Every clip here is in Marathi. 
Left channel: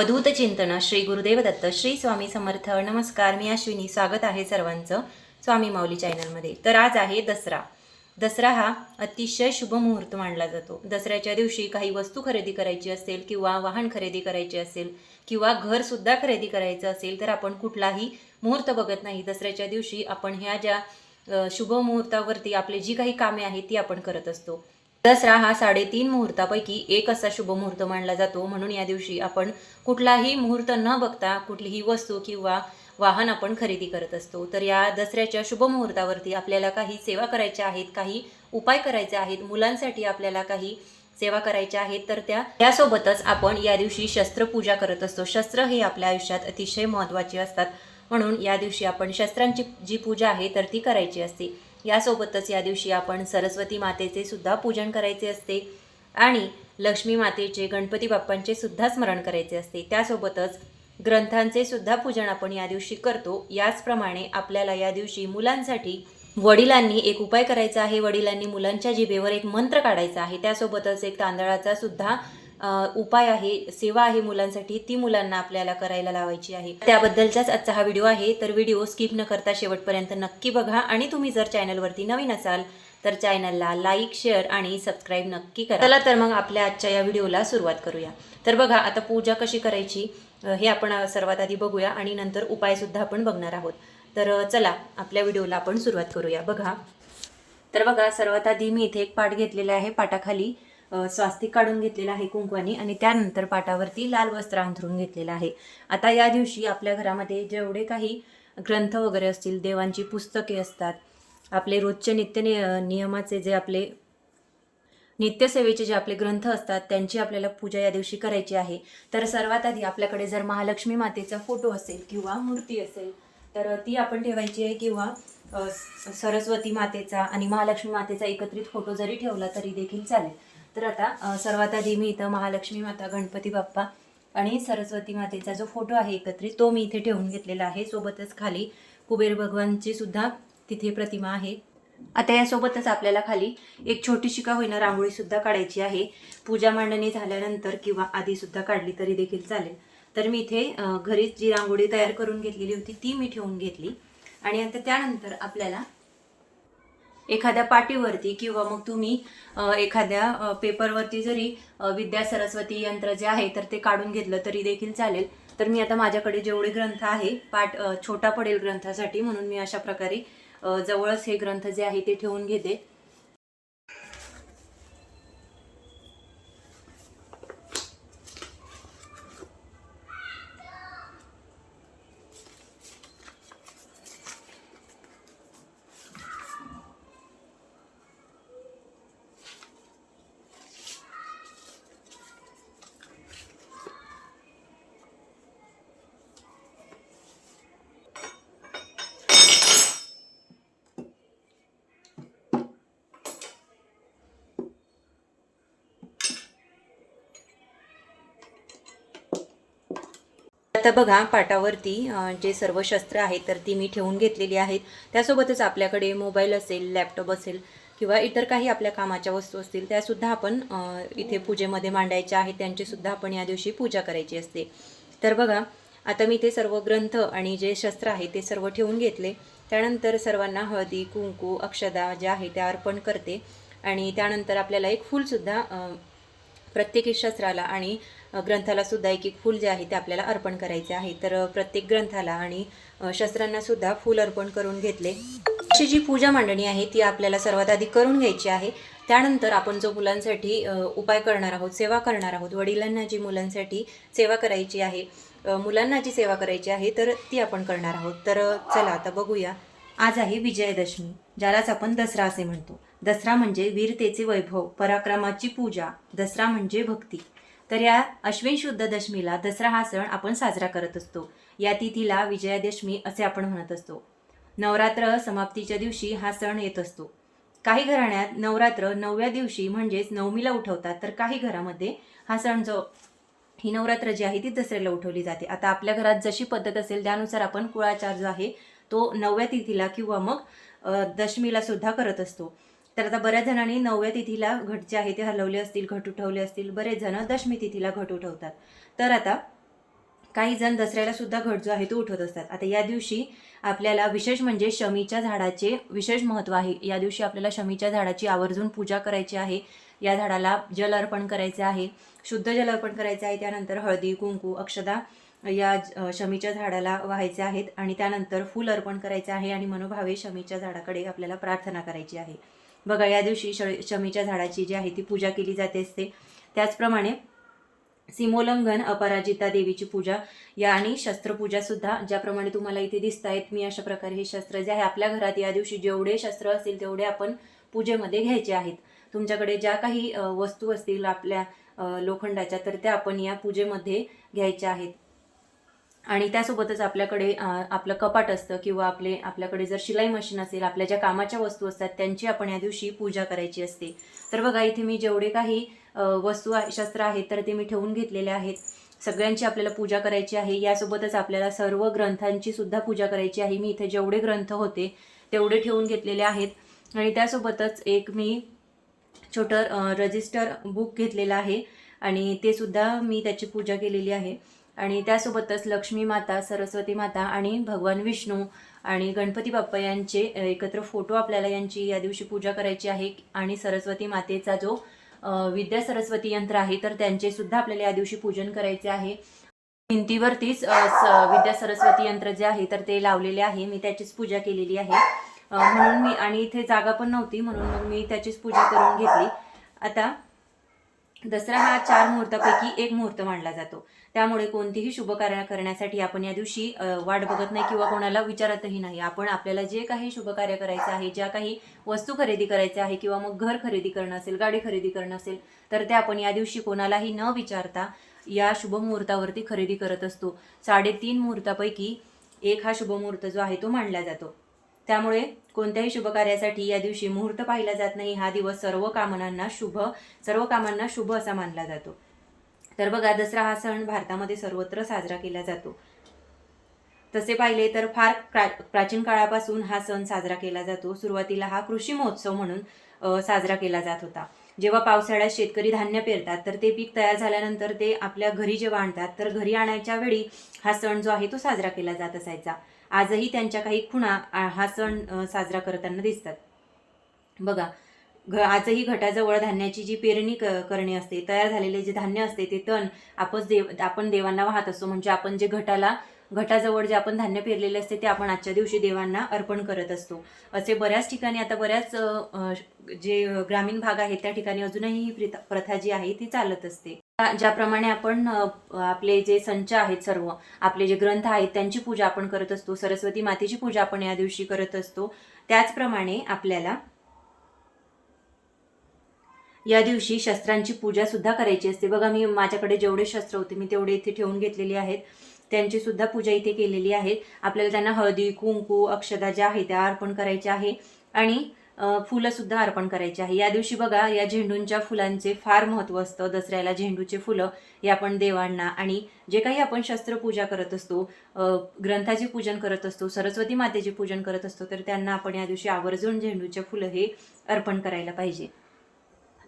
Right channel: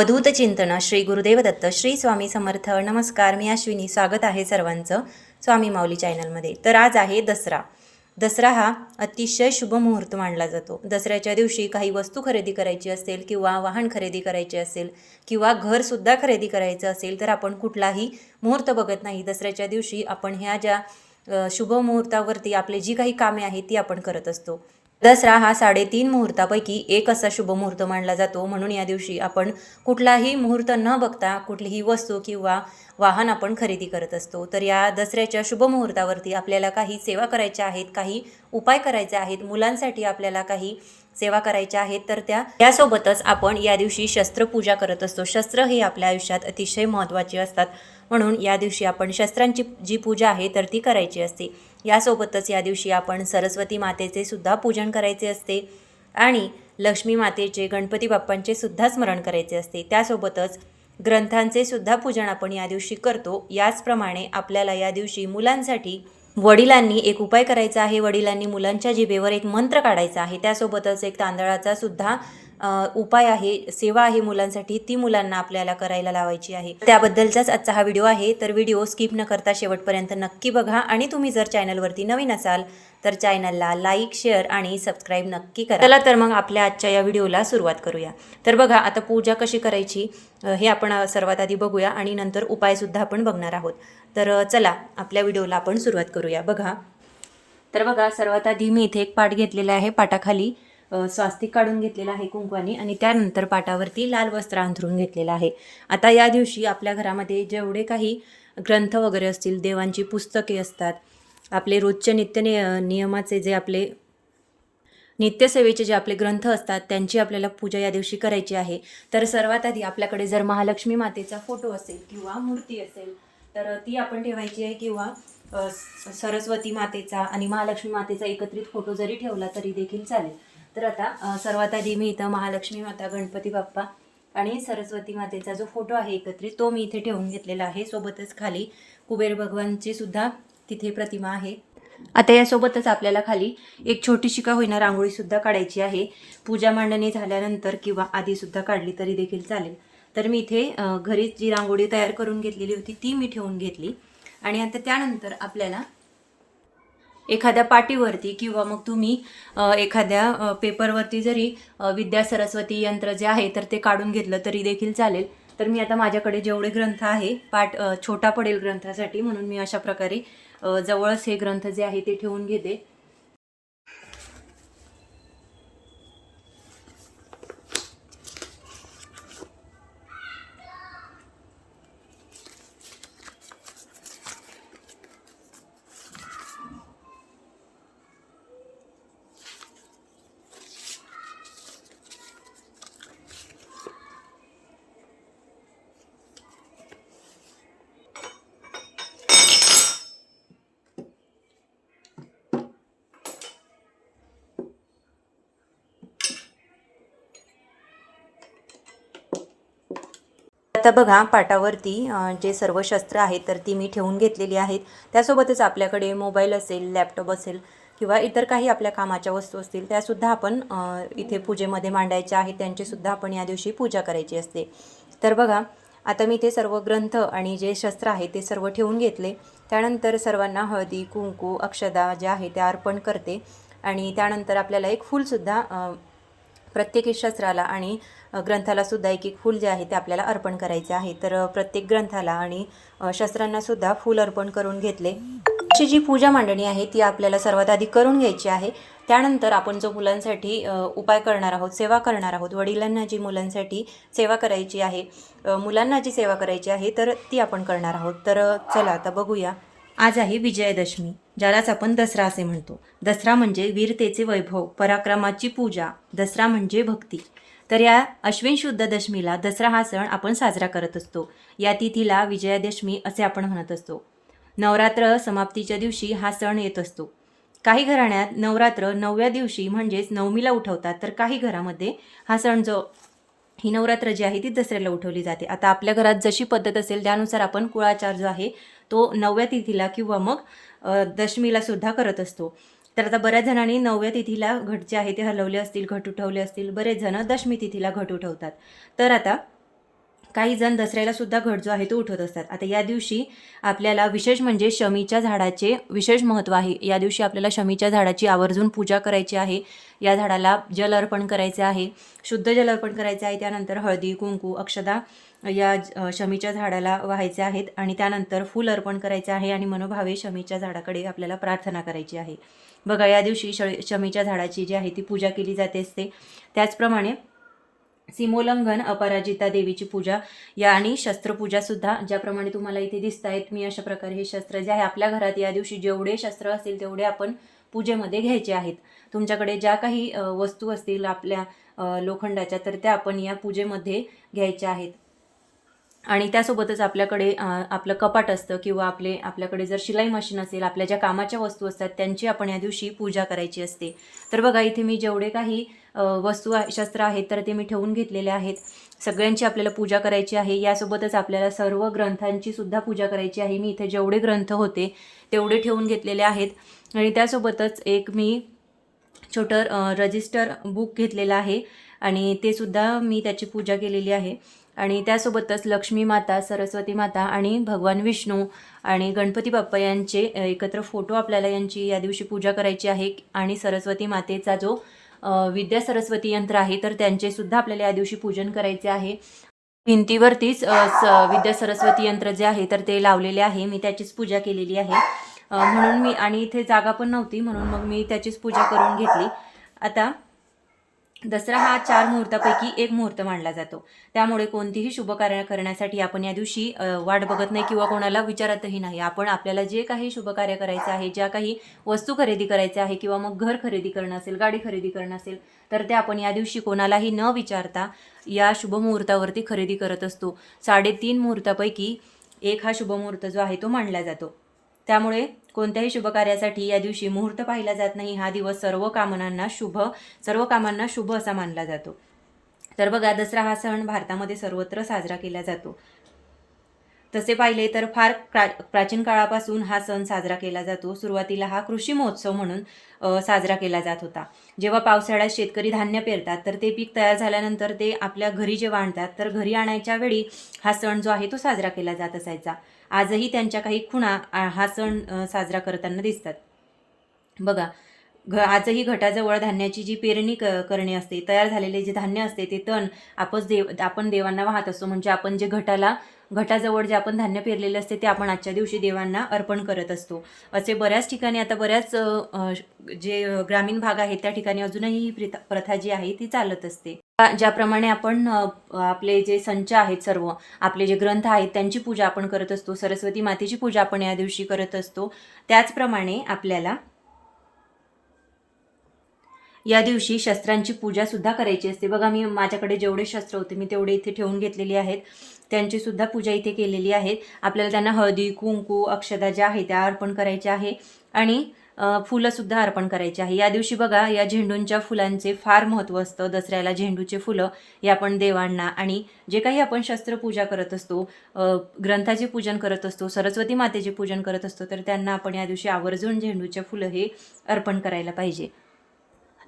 अवधूत चिंतन श्री गुरुदेव दत्त श्री स्वामी समर्थ नमस्कार मी अश्विनी स्वागत आहे सर्वांचं स्वामी माऊली चॅनलमध्ये. तर आज आहे दसरा. दसरा हा अतिशय शुभ मुहूर्त मानला जातो. दसऱ्याच्या दिवशी काही वस्तू खरेदी करायची असेल किंवा वाहन खरेदी करायचे असेल किंवा घरसुद्धा खरेदी करायचं असेल तर आपण कुठलाही मुहूर्त बघत नाही. दसऱ्याच्या दिवशी आपण ह्या ज्या शुभ मुहूर्तावरती आपली जी काही कामे आहेत ती आपण करत असतो. दसरा हा साडेतीन मुहूर्तापैकी एक असा शुभ मुहूर्त मानला जातो. म्हणून या दिवशी आपण कुठलाही मुहूर्त न बघता कुठलीही वस्तू किंवा वाहन आपण खरेदी करत असतो. तर या दसऱ्याच्या शुभ मुहूर्तावरती आपल्याला काही सेवा करायच्या आहेत काही उपाय करायचे आहेत मुलांसाठी आपल्याला काही सेवा करायच्या आहेत तर त्या त्यासोबतच आपण या दिवशी शस्त्रपूजा करत असतो. शस्त्र हे आपल्या आयुष्यात अतिशय महत्त्वाचे असतात. म्हणून या दिवशी आपण शस्त्रांची जी पूजा आहे तर ती करायची असते. यासोबतच या दिवशी आपण सरस्वती मातेचे सुद्धा पूजन करायचे असते आणि लक्ष्मी मातेचे गणपती बाप्पांचे सुद्धा स्मरण करायचे असते. त्यासोबतच ग्रंथांचे सुद्धा पूजन आपण या दिवशी करतो. याचप्रमाणे आपल्याला या दिवशी मुलांसाठी वडिलांनी एक उपाय करायचा आहे. वडिलांनी मुलांच्या जिभेवर एक मंत्र काढायचा आहे. त्यासोबतच एक तांदळाचा सुद्धा उपाय आहे सेवा आहे मुलांसाठी ती मुलांना आपल्याला करायला लावायची आहे. त्याबद्दलचाच आजचा हा व्हिडिओ आहे तर व्हिडिओ स्किप न करता शेवटपर्यंत नक्की बघा आणि तुम्ही जर चॅनलवरती नवीन असाल तर चॅनलला लाईक शेअर आणि सबस्क्राईब नक्की करा. चला तर मग आपल्या आजच्या या व्हिडिओला सुरुवात करूया. तर बघा आता पूजा कशी करायची हे आपण सर्वात आधी बघूया आणि नंतर उपायसुद्धा आपण बघणार आहोत. तर चला आपल्या व्हिडिओला आपण सुरुवात करूया. बघा. तर बघा सर्वात आधी मी इथे एक पाट घेतलेला आहे पाटाखाली. स्वास्तिक काढून घेतलेला आहे कुंकवानी आणि त्यानंतर पाटावरती लाल वस्त्र अंथरून घेतलेलं आहे. आता या दिवशी आपल्या घरामध्ये जेवढे काही ग्रंथ वगैरे असतील देवांची पुस्तके असतात आपले रोजचे नित्य नियमाचे जे आपले नित्यसेवेचे जे आपले ग्रंथ असतात त्यांची आपल्याला पूजा या दिवशी करायची आहे. तर सर्वात आधी आपल्याकडे जर महालक्ष्मी मातेचा फोटो असेल किंवा मूर्ती असेल तर ती आपण ठेवायची आहे किंवा स- सरस्वती मातेचा आणि महालक्ष्मी मातेचा एकत्रित फोटो जरी ठेवला तरी देखील चालेल. तर आता सर्वात आधी मी इथं महालक्ष्मी माता गणपती बाप्पा आणि सरस्वती मातेचा जो फोटो आहे एकत्रित तो मी इथे ठेवून घेतलेला आहे. सोबतच खाली कुबेर भगवानची सुद्धा तिथे प्रतिमा आहे. आता यासोबतच आपल्याला खाली एक छोटीशी का होईना रांगोळीसुद्धा काढायची आहे. पूजा मांडणी झाल्यानंतर किंवा आधीसुद्धा काढली तरी देखील चालेल. तर मी इथे घरीच जी रांगोळी तयार करून घेतलेली होती ती मी ठेवून घेतली. आणि आता त्यानंतर आपल्याला एखाद्या पाटीवरती किंवा मग तुम्ही एखाद्या पेपरवरती जरी विद्या सरस्वती यंत्र जे आहे तर ते काढून घेतलं तरी देखील चालेल. तर मी आता माझ्याकडे जेवढे ग्रंथ आहे पाठ छोटा पडेल ग्रंथासाठी म्हणून मी अशा प्रकारे जवळच हे ग्रंथ जे आहे ते ठेवून घेते. आता बघा पाटावरती जे सर्व शस्त्र आहेत तर ती मी ठेवून घेतलेली आहेत. त्यासोबतच आपल्याकडे मोबाईल असेल लॅपटॉप असेल किंवा इतर काही आपल्या कामाच्या वस्तू असतील त्यासुद्धा आपण इथे पूजेमध्ये मांडायच्या आहेत. त्यांचीसुद्धा आपण या दिवशी पूजा करायची असते. तर बघा आता मी ते सर्व ग्रंथ आणि जे शस्त्र आहे ते सर्व ठेवून घेतले. त्यानंतर सर्वांना हळदी कुंकू अक्षदा ज्या आहे त्या अर्पण करते. आणि त्यानंतर आपल्याला एक फूलसुद्धा प्रत्येकी शस्त्राला आणि ग्रंथालासुद्धा ग्रंथाला सुद्धा एक एक फूल जे आहे ते आपल्याला अर्पण करायचे आहे. तर प्रत्येक ग्रंथाला आणि शस्त्रांनासुद्धा फूल अर्पण करून घेतले. अशी जी पूजा मांडणी आहे ती आपल्याला सर्वात आधी करून घ्यायची आहे. त्यानंतर आपण जो मुलांसाठी उपाय करणार आहोत सेवा करणार आहोत वडिलांना जी मुलांसाठी सेवा करायची आहे मुलांना जी सेवा करायची आहे तर ती आपण करणार आहोत. तर चला आता बघूया. आज आहे विजयादशमी ज्यालाच आपण दसरा असे म्हणतो. दसरा म्हणजे वीरतेचे वैभव पराक्रमाची पूजा. दसरा म्हणजे भक्ती. तर या अश्विन शुद्ध दशमीला दसरा हा सण आपण साजरा करत असतो. या तिथीला विजयादशमी असे आपण म्हणत असतो. नवरात्र समाप्तीच्या दिवशी हा सण येत असतो. काही घराण्यात नवरात्र नवव्या दिवशी म्हणजेच नवमीला उठवतात तर काही घरामध्ये हा सण जो ही नवरात्र जी आहे ती दसऱ्याला उठवली जाते. आता आपल्या घरात जशी पद्धत असेल त्यानुसार आपण कुळाचार जो आहे तो नवव्या तिथीला किंवा मग दशमीला सुद्धा करत असतो. तर आता बऱ्याच जणांनी नवव्या तिथीला घट जे आहे ते हलवले असतील घट उठवले असतील बरेच जण दशमी तिथीला घट उठवतात. तर आता काही जण दसऱ्याला सुद्धा घट जो आहे तो उठवत असतात. आता या दिवशी आपल्याला विशेष म्हणजे शमीच्या झाडाचे विशेष महत्त्व आहे. या दिवशी आपल्याला शमीच्या झाडाची आवर्जून पूजा करायची आहे. या झाडाला जल अर्पण करायचे आहे. शुद्ध जल अर्पण करायचे आहे. त्यानंतर हळदी कुंकू अक्षदा या शमीच्या झाडाला व्हायचे आहेत. आणि त्यानंतर फूल अर्पण करायचे आहे. आणि मनोभावे शमीच्या झाडाकडे आपल्याला प्रार्थना करायची आहे. बघा या दिवशी श शमीच्या झाडाची जी आहे ती पूजा केली जाते असते. त्याचप्रमाणे सीमोल्लंघन अपराजिता देवीची पूजा या आणि शस्त्रपूजा सुद्धा ज्याप्रमाणे तुम्हाला इथे दिसत आहेत मी अशा प्रकारे हे शस्त्र जे आहे आपल्या घरात या दिवशी जेवढे शस्त्र असतील तेवढे आपण पूजेमध्ये घ्यायचे आहेत. तुमच्याकडे ज्या काही वस्तू असतील आपल्या लोखंडाच्या तर त्या आपण या पूजेमध्ये घ्यायच्या आहेत. आणि त्यासोबतच आपल्याकडे आपलं कपाट असतं किंवा आपले आपल्याकडे जर शिलाई मशीन असेल आपल्या ज्या कामाच्या वस्तू असतात त्यांची आपण या दिवशी पूजा करायची असते. तर बघा इथे मी जेवढे काही वस्तू आहे शस्त्र आहेत तर ते मी ठेवून घेतलेले आहेत. सगळ्यांची आपल्याला पूजा करायची आहे. यासोबतच आपल्याला सर्व ग्रंथांची सुद्धा पूजा करायची आहे. मी इथे जेवढे ग्रंथ होते तेवढे ठेवून घेतलेले आहेत. आणि त्यासोबतच एक मी छोटं रजिस्टर बुक घेतलेलं आहे. आणि ते सुद्धा मी त्याची पूजा केलेली आहे. आणि त्यासोबतच लक्ष्मी माता सरस्वती माता आणि भगवान विष्णू आणि गणपती बाप्पा यांचे एकत्र फोटो आपल्याला यांची या दिवशी पूजा करायची आहे आणि सरस्वती मातेचा जो विद्या सरस्वती यंत्र आहे तर त्यांचे सुद्धा आपल्याला या दिवशी पूजन करायचे आहे. भिंतीवरतीच स- विद्या सरस्वती यंत्र जे आहे तर ते लावलेले आहे. मी त्याचीच पूजा केलेली आहे. म्हणून मी आणि इथे जागा पण नव्हती म्हणून मग मी त्याचीच पूजा करून घेतली. आता दसरा हा चार मुहूर्तापैकी एक मुहूर्त मानला जातो. त्यामुळे कोणतीही शुभ कार्य करण्यासाठी आपण या दिवशी वाट बघत नाही किंवा कोणाला विचारतही नाही. आपण आपल्याला जे काही शुभ कार्य करायचं आहे ज्या काही वस्तू खरेदी करायच्या आहे किंवा मग घर खरेदी करणं असेल गाडी खरेदी करणं असेल तर ते आपण या दिवशी कोणालाही न विचारता या शुभ मुहूर्तावरती खरेदी करत असतो. साडेतीन मुहूर्तापैकी एक हा शुभ मुहूर्त जो आहे तो मानला जातो. त्यामुळे कोणत्याही शुभ कार्यासाठी या दिवशी मुहूर्त पाहिला जात नाही. हा दिवस सर्व कामनांना शुभ सर्व कामांना शुभ असा मानला जातो. तर बघा दसरा हा सण भारतामध्ये सर्वत्र साजरा केला जातो. तसे पाहिले तर फार प्रा प्राचीन काळापासून हा सण साजरा केला जातो. सुरुवातीला हा कृषी महोत्सव म्हणून साजरा केला जात होता. जेव्हा पावसाळ्यात शेतकरी धान्य पेरतात तर ते पीक तयार झाल्यानंतर ते आपल्या घरी जेव्हा आणतात तर घरी आणायच्या वेळी हा सण जो आहे तो साजरा केला जात असायचा. आजही त्यांच्या काही खुणा हा सण साजरा करताना दिसतात. बघा घ आजही घटाजवळ धान्याची जी पेरणी क करणे असते तयार झालेले जे धान्य असते ते तण आपण देव आपण देवांना वाहत असतो. म्हणजे आपण जे घटाला घटाजवळ जे आपण धान्य पेरलेले असते ते आपण आजच्या दिवशी देवांना अर्पण करत असतो. असे बऱ्याच ठिकाणी आता बऱ्याच जे ग्रामीण भाग आहेत त्या ठिकाणी अजूनही ही प्रथा जी आहे ती चालत असते. ज्याप्रमाणे आपण आपले जे संच आहेत सर्व आपले जे ग्रंथ आहेत त्यांची पूजा आपण करत असतो. सरस्वती मातेची पूजा आपण या दिवशी करत असतो. त्याचप्रमाणे आपल्याला या दिवशी शस्त्रांची पूजा सुद्धा करायची असते. बघा मी माझ्याकडे जेवढे शस्त्र होते मी तेवढे इथे ठेवून घेतलेली आहेत. त्यांची सुद्धा पूजा इथे केलेली आहे. आपल्याला त्यांना हळदी कुंकू अक्षदा ज्या आहेत त्या अर्पण करायच्या आहे आणि फुलंसुद्धा अर्पण करायची आहे. या दिवशी बघा या झेंडूंच्या फुलांचे फार महत्त्व असतं. दसऱ्याला झेंडूचे फुलं हे आपण देवांना आणि जे काही आपण शस्त्रपूजा करत असतो ग्रंथाचे पूजन करत असतो सरस्वती मातेचे पूजन करत असतो तर त्यांना आपण या दिवशी आवर्जून झेंडूचे फुलं हे अर्पण करायला पाहिजे.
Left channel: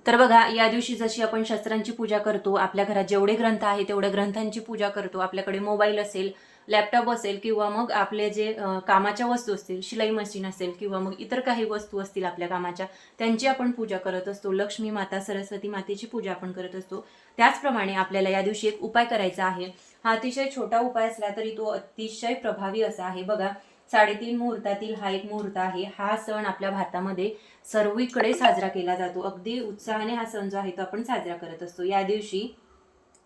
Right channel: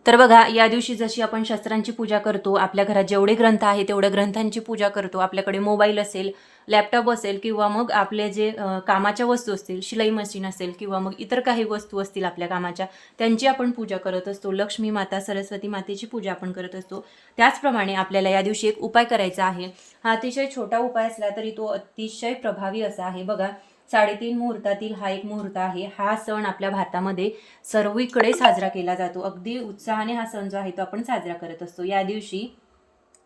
तर बघा या दिवशी जशी आपण शस्त्रांची पूजा करतो आपल्या घरात जेवढे ग्रंथ आहे तेवढ्या ग्रंथांची पूजा करतो. आपल्याकडे मोबाईल असेल लॅपटॉप असेल किंवा मग आपले जे कामाच्या वस्तू असतील शिलाई मशीन असेल किंवा मग इतर काही वस्तू असतील आपल्या कामाच्या त्यांची आपण पूजा करत असतो. लक्ष्मी माता सरस्वती मातेची पूजा आपण करत असतो. त्याचप्रमाणे आपल्याला या दिवशी एक उपाय करायचा आहे. हा अतिशय छोटा उपाय असला तरी तो अतिशय प्रभावी असा आहे. बघा साडेतीन मुहूर्तातील हा एक मुहूर्त आहे. हा सण आपल्या भारतामध्ये सर्वीकडे साजरा केला जातो. अगदी उत्साहाने हा सण जो आहे तो आपण साजरा करत असतो. या दिवशी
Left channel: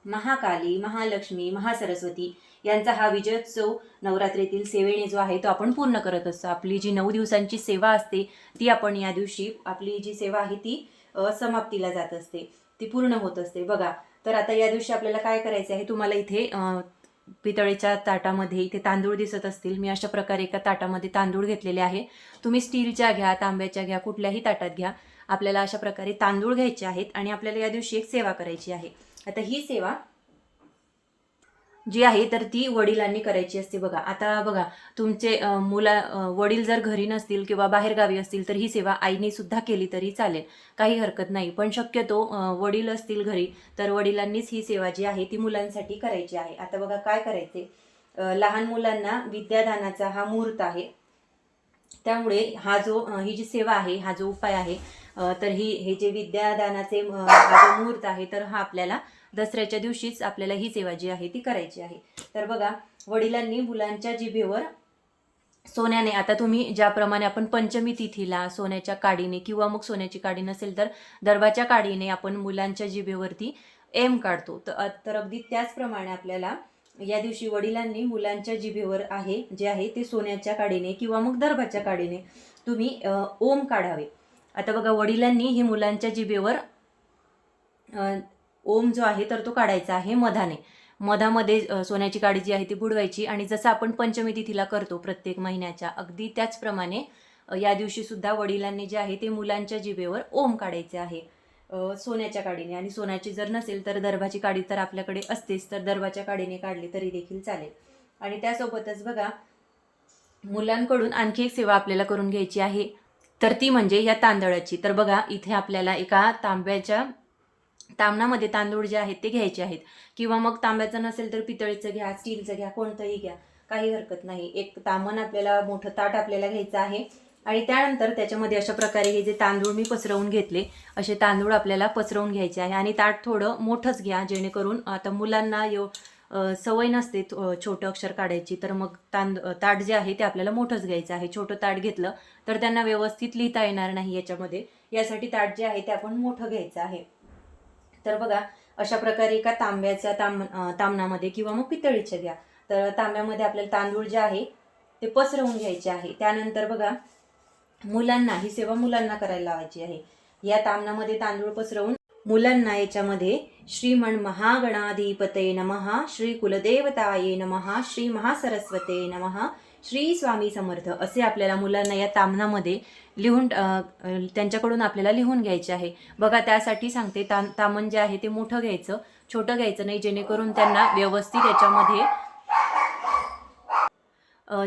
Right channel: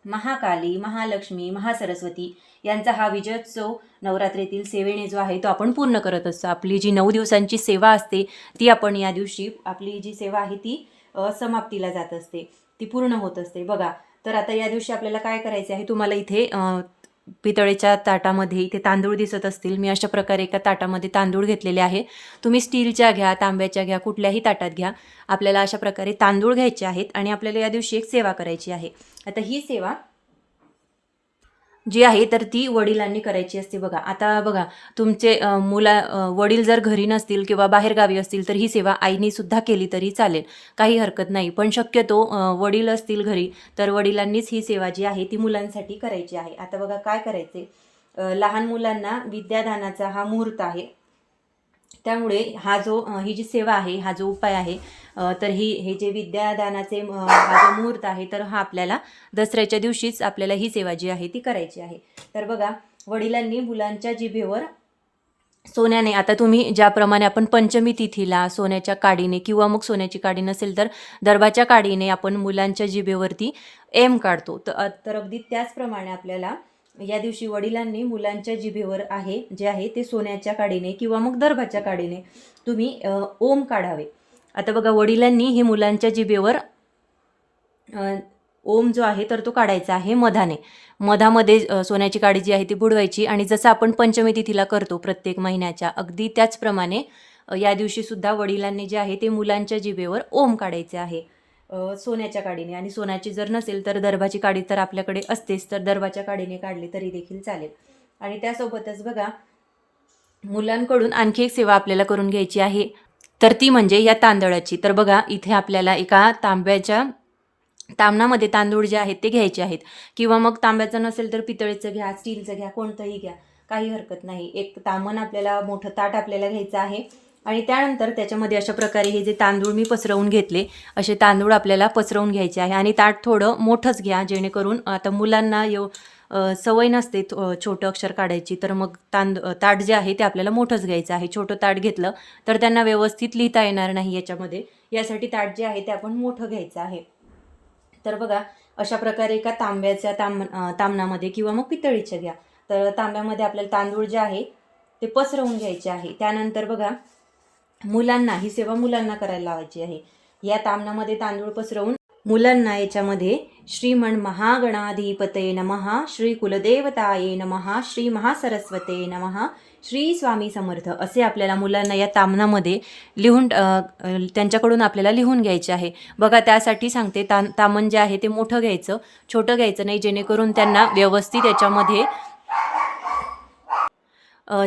महाकाली महालक्ष्मी महासरस्वती यांचा हा विजयोत्सव नवरात्रीतील सेवेने जो आहे तो आपण पूर्ण करत असतो. आपली जी नऊ दिवसांची सेवा असते ती आपण या दिवशी आपली जी सेवा आहे ती समाप्तीला जात असते. ती पूर्ण होत असते. बघा तर आता या दिवशी आपल्याला काय करायचे आहे? तुम्हाला इथे पितळेच्या ताटामध्ये इथे तांदूळ दिसत असतील. मी अशा प्रकारे एका ताटामध्ये तांदूळ घेतलेले आहे. तुम्ही स्टीलच्या घ्या तांब्याच्या घ्या कुठल्याही ताटात घ्या. आपल्याला अशा प्रकारे तांदूळ घ्यायचे आहेत आणि आपल्याला या दिवशी एक सेवा करायची आहे. आता ही सेवा जी आहे तर ती वडिलांनी करायची असते बघा. आता बघा तुमचे मुला वडील जर घरी नसतील किंवा बाहेरगावी असतील तर ही सेवा आईनी सुद्धा केली तरी चालेल. काही हरकत नाही. पण शक्यतो वडील असतील घरी तर वडिलांनीच ही सेवा जी आहे ती मुलांसाठी करायची आहे. आता बघा काय करायचे लहान मुलांना विद्यादानाचा हा मुहूर्त आहे. त्यामुळे हा जो ही जी सेवा आहे हा जो उपाय आहे तर ही हे जे विद्यादानाचे हा जो मुहूर्त आहे तर हा आपल्याला दसऱ्याच्या दिवशीच आपल्याला ही सेवा जी आहे ती करायची आहे. तर बघा वडिलांनी मुलांच्या जिभेवर सोन्याने आता तुम्ही ज्याप्रमाणे आपण पंचमी तिथीला सोन्याच्या काडीने किंवा मग सोन्याची काडी नसेल तर दरबाच्या काडीने आपण मुलांच्या जिभेवरती एम काढतो. तर तर अगदी त्याचप्रमाणे आपल्याला या दिवशी वडिलांनी मुलांच्या जिभेवर आहे जे आहे ते सोन्याच्या काडीने किंवा मग दरबाच्या काडीने तुम्ही ओम काढावे. आता बघा वडिलांनी ही मुलांच्या जिभेवर ओम जो आहे तर तो काढायचा आहे मधाने. मधामध्ये सोन्याची काडी जी आहे ती बुडवायची आणि जसं आपण पंचमी तिथीला करतो प्रत्येक महिन्याच्या अगदी त्याचप्रमाणे या दिवशीसुद्धा वडिलांनी जे आहे ते मुलांच्या जिभेवर ओम काढायचे आहे. सोन्याच्या काडीने. आणि सोन्याची जर नसेल तर दर्भाची काडी तर आपल्याकडे असतेच तर दर्भाच्या काडीने काढली तरी देखील चालेल. आणि त्यासोबतच बघा मुलांकडून आणखी एक सेवा आपल्याला करून घ्यायची आहे. तर ती म्हणजे या तांदळाची. तर बघा इथे आपल्याला एका तांब्याच्या तांबणामध्ये तांदूळ जे आहेत ते घ्यायचे आहेत. किंवा मग तांब्याचं नसेल तर पितळेचं घ्या स्टीलचं घ्या कोणतंही घ्या. काही हरकत नाही. एक तामण आपल्याला मोठं ताट आपल्याला घ्यायचं आहे. आणि त्यानंतर त्याच्यामध्ये अशा प्रकारे हे जे तांदूळ मी पसरवून घेतले असे तांदूळ आपल्याला पसरवून घ्यायचे आहे. आणि ताट थोडं मोठंच घ्या जेणेकरून आता मुलांना येऊ सवय नसते छोटं अक्षर काढायची तर मग तांद ताट जे आहे ते आपल्याला मोठंच घ्यायचं आहे. छोटं ताट घेतलं तर त्यांना व्यवस्थित लिहिता येणार नाही याच्यामध्ये. यासाठी ताट जे आहे ते आपण मोठं घ्यायचं आहे. तर बघा अशा प्रकारे एका तांब्याच्या ताम तामणामध्ये किंवा मग पितळीच्या घ्या. तर तांब्यामध्ये आपल्याला तांदूळ जे आहे ते पसरवून घ्यायचे आहे. त्यानंतर बघा मुलांना ही सेवा मुलांना करायला लावायची आहे. या तामणामध्ये तांदूळ पसरवून मुलांना याच्यामध्ये श्रीमण महागणाधिपते नमहा श्री कुलदेवताये नमहा श्री महासरस्वते नमहा श्री स्वामी समर्थ असे आपल्याला मुलांना या तामनामध्ये लिहून त्यांच्याकडून आपल्याला लिहून घ्यायचे आहे. बघा त्यासाठी सांगते ता तामण जे आहे ते मोठं घ्यायचं छोटं घ्यायचं नाही जेणेकरून त्यांना व्यवस्थित याच्यामध्ये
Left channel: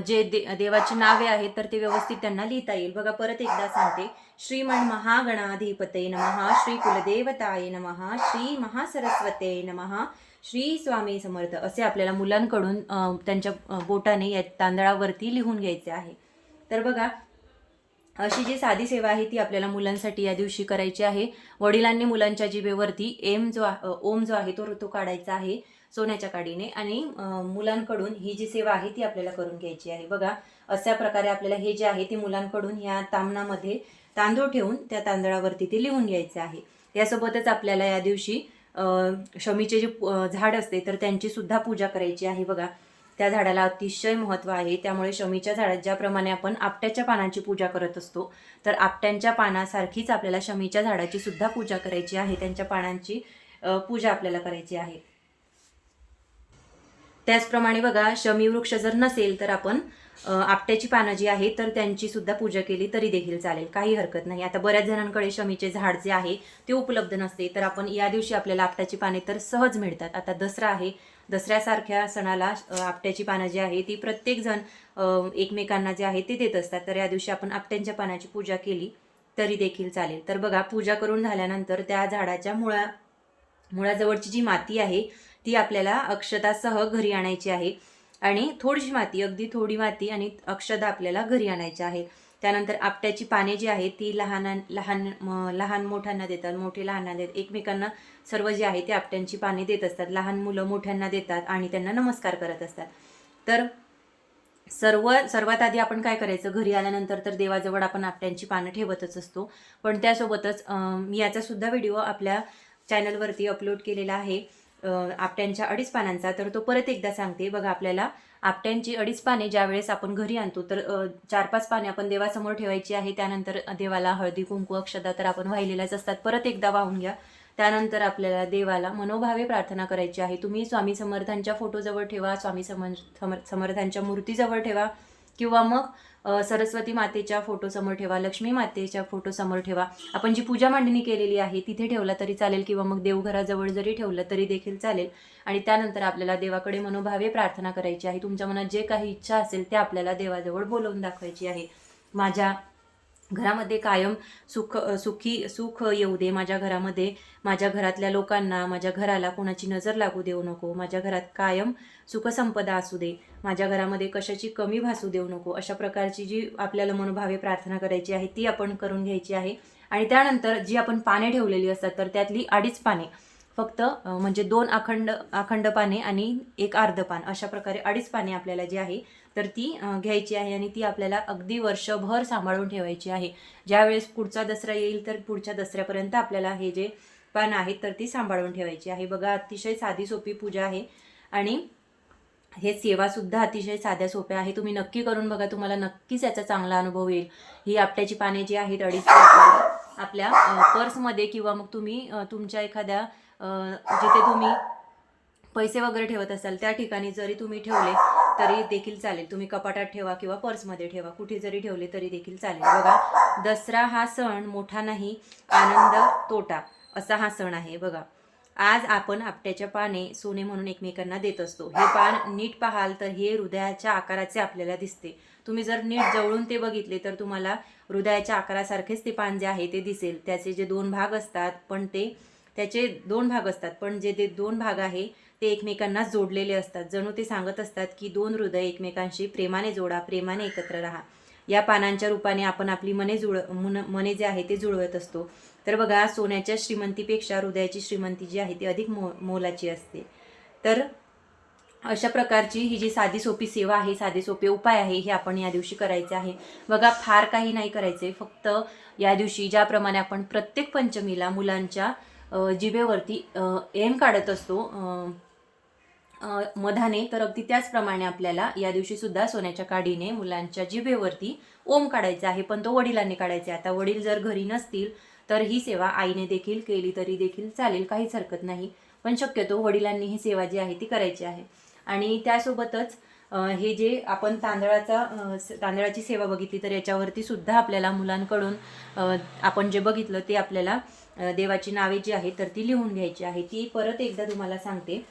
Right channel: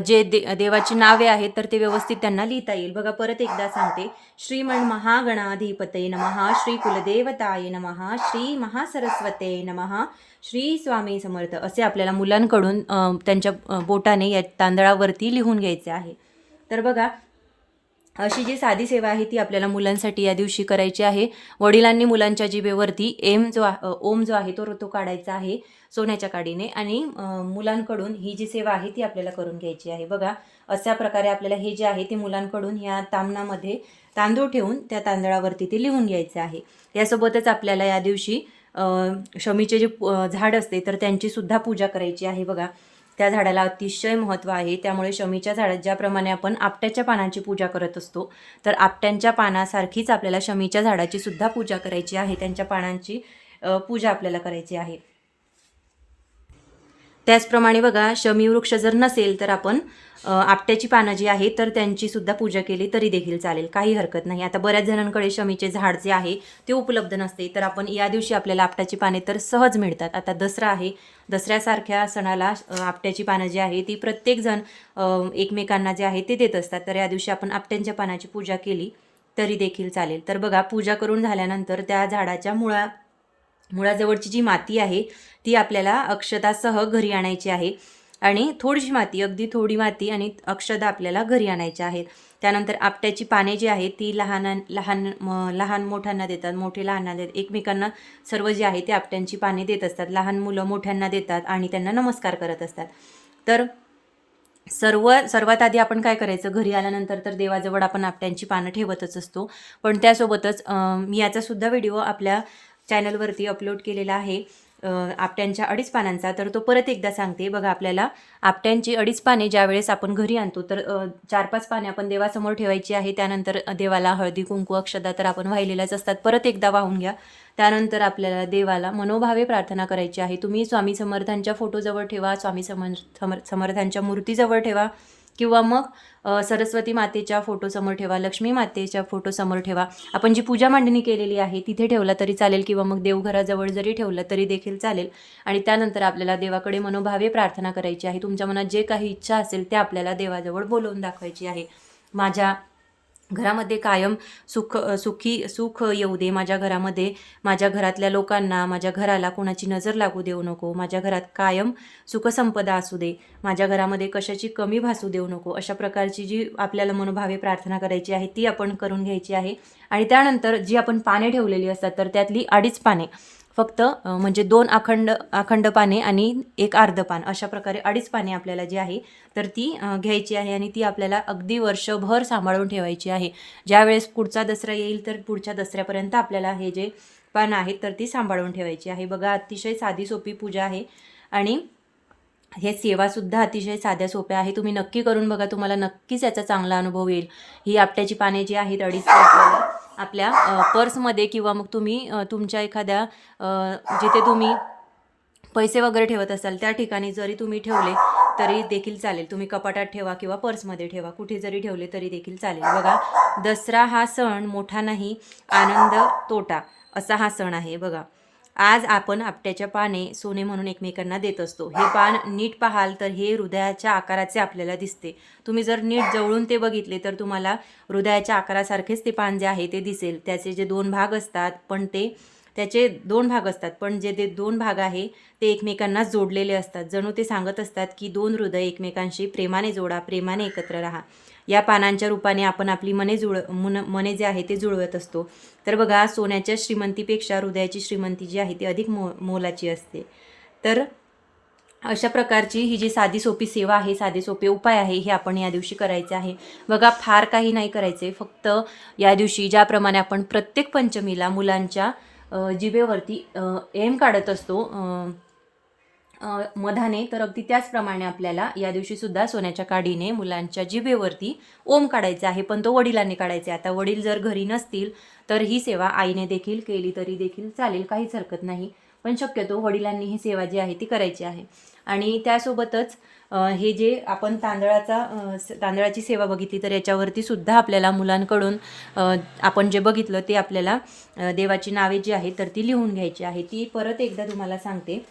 जे दे देवाची नावे आहेत तर ते व्यवस्थित त्यांना लिहिता येईल. बघा परत एकदा सांगते. श्रीमण महागणाधिपते नमः श्री कुलदेवताय नमः श्री महासरस्वते नमः श्री स्वामी समर्थ. असे आपल्याला मुलांकडून त्यांच्या बोटाने या तांदळावरती लिहून घ्यायचे आहे. तर बघा अशी जी साधी सेवा आहे ती आपल्याला मुलांसाठी या दिवशी करायची आहे. वडिलांनी मुलांच्या जिभेवरती एम जो ओम जो आहे तो तो काढायचा आहे. सोन्याच्या काडीने आणि मुलांकडून ही जी सेवा आहे ती आपल्याला करून घ्यायची आहे. बघा अशा प्रकारे आपल्याला हे जे आहे ते मुलांकडून या तामणामध्ये तांदूळ ठेवून त्या तांदळावरती ते लिहून घ्यायचे आहे. यासोबतच आपल्याला या दिवशी शमीचे जे झाड असते तर त्यांची सुद्धा पूजा करायची आहे. बघा त्या झाडाला अतिशय महत्त्व आहे. त्यामुळे शमीच्या झाडात ज्याप्रमाणे आपण आपट्याच्या पानांची पूजा करत असतो तर आपट्यांच्या पानासारखीच आपल्याला शमीच्या झाडाची सुद्धा पूजा करायची आहे. त्यांच्या पानांची पूजा आपल्याला करायची आहे. त्याचप्रमाणे बघा शमी वृक्ष जर नसेल तर आपण आपट्याची पानं जी आहे तर त्यांची सुद्धा पूजा केली तरी देखील चालेल. काही हरकत नाही. आता बऱ्याच जणांकडे शमीचे झाड जे आहे ते उपलब्ध नसते. तर आपण या दिवशी आपल्याला आपट्याची पाने तर सहज मिळतात. आता दसरा आहे. दसऱ्यासारख्या सणाला आपट्याची पानं जी आहे ती प्रत्येकजण एकमेकांना जे आहे ते देत असतात. तर या दिवशी आपण आपट्यांच्या पानाची पूजा केली तरी देखील चालेल. तर बघा पूजा करून झाल्यानंतर त्या झाडाच्या मुळा मुळाजवळची जी माती आहे ती आपल्याला अक्षतासह घरी आणायची आहे. आणि थोडीशी माती अगदी थोडी माती आणि अक्षता आपल्याला घरी आणायच्या आहेत. त्यानंतर आपट्याची पाने जी आहेत ती लहान लहान लहान मोठ्यांना देतात मोठे लहानांना देतात. एकमेकांना सर्व जे आहे ते आपट्यांची पाने देत असतात. लहान मुलं मोठ्यांना देतात आणि त्यांना नमस्कार करत असतात. तर सर्व सर्वात आधी आपण काय करायचं? घरी आल्यानंतर तर देवाजवळ आपण आपट्यांची पानं ठेवतच असतो. पण त्यासोबतच याचासुद्धा मी व्हिडिओ आपल्या चॅनलवरती अपलोड केलेला आहे. आपट्यांच्या अडीच पानांचा तर तो परत एकदा सांगते. बघा आपल्याला आपट्यांची अडीच पाने ज्यावेळेस आपण घरी आणतो तर चार पाच पाने आपण देवासमोर ठेवायची आहे. त्यानंतर देवाला हळदी कुंकू अक्षदा तर आपण वाहिलेल्याच असतात. परत एकदा वाहून घ्या. त्यानंतर आपल्याला देवाला मनोभावे प्रार्थना करायची आहे. तुम्ही स्वामी समर्थांच्या फोटोजवळ ठेवा स्वामी समर्थ समर समर्थांच्या मूर्तीजवळ ठेवा. किंवा मग सरस्वती मातेच्या फोटोसमोर ठेवा लक्ष्मी मातेच्या फोटोसमोर ठेवा. आपण जी पूजा मांडणी केलेली आहे तिथे ठेवला तरी चालेल किंवा मग देवघराजवळ जरी ठेवलं तरी देखील चालेल. आणि त्यानंतर आपल्याला देवाकडे मनोभावे प्रार्थना करायची आहे. तुमच्या मनात जे काही इच्छा असेल ते आपल्याला देवाजवळ बोलवून दाखवायची आहे. माझ्या घरामध्ये कायम सुख सुखी सुख येऊ दे. माझ्या घरामध्ये माझ्या घरातल्या लोकांना माझ्या घराला कोणाची नजर लागू देऊ नको. माझ्या घरात कायम सुखसंपदा असू दे. माझ्या घरामध्ये कशाची कमी भासू देऊ नको. अशा प्रकारची जी आपल्याला मनोभावे प्रार्थना करायची आहे ती आपण करून घ्यायची आहे. आणि त्यानंतर जी आपण पाने ठेवलेली असतात तर त्यातली अडीच पाने. फक्त म्हणजे दोन अखंड अखंड पाने आणि एक अर्ध पान अशा प्रकारे अडीच पाने आपल्याला जी आहे तर ती घ्यायची आहे आणि ती आपल्याला अगदी वर्षभर सांभाळून ठेवायची आहे. ज्यावेळेस पुढचा दसरा येईल तर पुढच्या दसऱ्यापर्यंत आपल्याला हे जे पानं आहेत तर ती सांभाळून ठेवायची आहे. बघा अतिशय साधी सोपी पूजा आहे. आणि हे सेवासुद्धा अतिशय साध्या सोप्या आहे. तुम्ही नक्की करून बघा तुम्हाला नक्कीच याचा चांगला अनुभव येईल. ही आपट्याची पाने जी आहेत अडीच आपल्या पर्समध्ये किंवा मग तुम्ही तुमच्या एखाद्या जिथे तुम्ही पैसे वगैरे ठेवत असाल त्या ठिकाणी जरी तुम्ही ठेवले तरी देखील चालेल. तुम्ही कपाटात ठेवा किंवा पर्समध्ये ठेवा. कुठे जरी ठेवले तरी देखील चालेल. बघा दसरा हा सण मोठा नाही आनंद तोटा असा हा सण आहे. बघा आज आपण आपट्याच्या पाने सोने म्हणून एकमेकांना देत असतो. हे पान नीट पाहाल तर हे हृदयाच्या आकाराचे आपल्याला दिसते. तुम्ही जर नीट जवळून ते बघितले तर तुम्हाला हृदयाच्या आकारासारखेच ते पान जे आहे ते दिसेल. त्याचे जे दोन भाग असतात पण ते त्याचे दोन भाग असतात पण जे ते दोन भाग आहे ते एकमेकांना जोडलेले असतात. जणू ते सांगत असतात की दोन हृदय एकमेकांशी प्रेमाने जोडा प्रेमाने एकत्र राहा. या पानांच्या रूपाने आपण आपली मने जुळ मन मने जे आहे ते जुळवत असतो. तर बघा सोन्याच्या श्रीमंतीपेक्षा हृदयाची श्रीमंती जी आहे ती अधिक मो मोलाची असते. तर अशा प्रकारची ही जी साधी सोपी सेवा आहे साधे सोपे उपाय आहे हे आपण या दिवशी करायचे आहे. बघा फार काही नाही करायचे फक्त या दिवशी ज्याप्रमाणे आपण प्रत्येक पंचमीला मुलांच्या जिभेवरती एम काढत असतो मधाने तर अगदी त्याचप्रमाणे आपल्याला या दिवशी सुद्धा सोन्याच्या काडीने मुलांच्या जिभेवरती ओम काढायचा आहे. पण तो वडिलांनी काढायचा. आहे आता वडील जर घरी नसतील तर ही सेवा आईने देखील केली तरी देखील चालेल काहीच हरकत नाही. पण शक्यतो वडिलांनी ही सेवा जी आहे ती करायची आहे. आणि त्यासोबतच हे जे आपण तांदळाचा तांदळाची सेवा बघितली तर याच्यावरती सुद्धा आपल्याला मुलांकडून आपण जे बघितलं ते आपल्याला देवाची नावे जी आहेत तर ती लिहून घ्यायची आहे. ती परत एकदा तुम्हाला सांगते.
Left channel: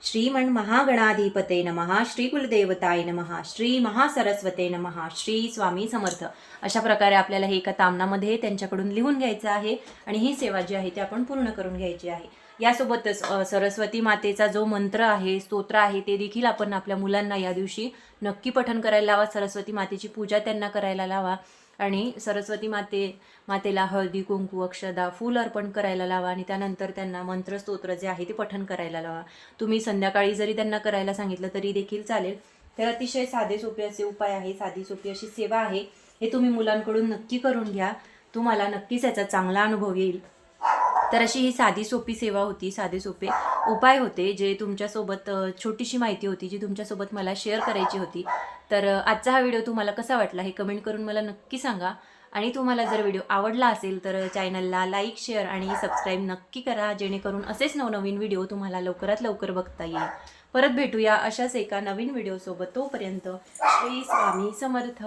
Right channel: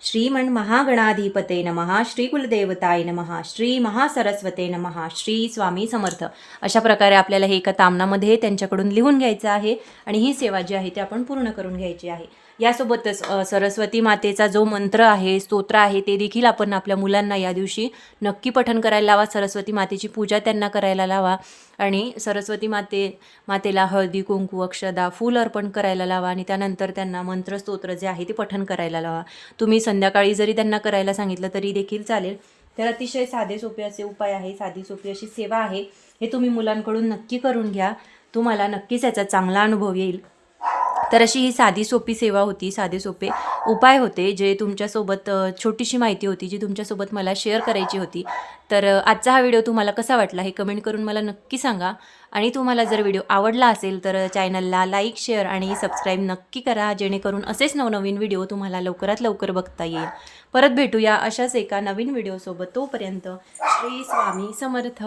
श्रीमण महागणाधिपते नमहा श्री कुलदेवताय नमहा श्री महासरस्वते नमः श्री स्वामी समर्थ. अशा प्रकारे आपल्याला हे एका तामणामध्ये त्यांच्याकडून लिहून घ्यायचं आहे आणि ही सेवा जी आहे ती आपण पूर्ण करून घ्यायची आहे. यासोबतच सरस्वती मातेचा जो मंत्र आहे स्तोत्र आहे ते देखील आपण आपल्या मुलांना या दिवशी नक्की पठण करायला लावा. सरस्वती मातेची पूजा त्यांना करायला लावा. आणि सरस्वती माते मातेला हळदी कुंकू अक्षदा फूल अर्पण करायला लावा आणि त्यानंतर त्यांना मंत्र स्तोत्र जे आहे ते पठण करायला लावा. तुम्ही संध्याकाळी जरी त्यांना करायला सांगितलं तरी देखील चालेल. तर अतिशय साधे सोपे असे उपाय आहे साधी सोपी अशी सेवा आहे. हे तुम्ही मुलांकडून नक्की करून घ्या. तुम्हाला नक्कीच याचा चांगला अनुभव येईल. तर अशी ही साधी सोपी सेवा होती साधे सोपे उपाय होते जे तुमच्यासोबत छोटीशी माहिती होती जी तुमच्यासोबत मला शेअर करायची होती. तर आजचा हा व्हिडिओ तुम्हाला कसा वाटला हे कमेंट करून मला नक्की सांगा. आणि तुम्हाला जर व्हिडिओ आवडला असेल तर चॅनलला लाईक शेअर आणि सबस्क्राईब नक्की करा जेणेकरून असेच नवनवीन व्हिडिओ तुम्हाला लवकरात लवकर बघता येईल. परत भेटूया अशाच एका नवीन व्हिडिओसोबत तोपर्यंत श्री स्वामी समर्थ.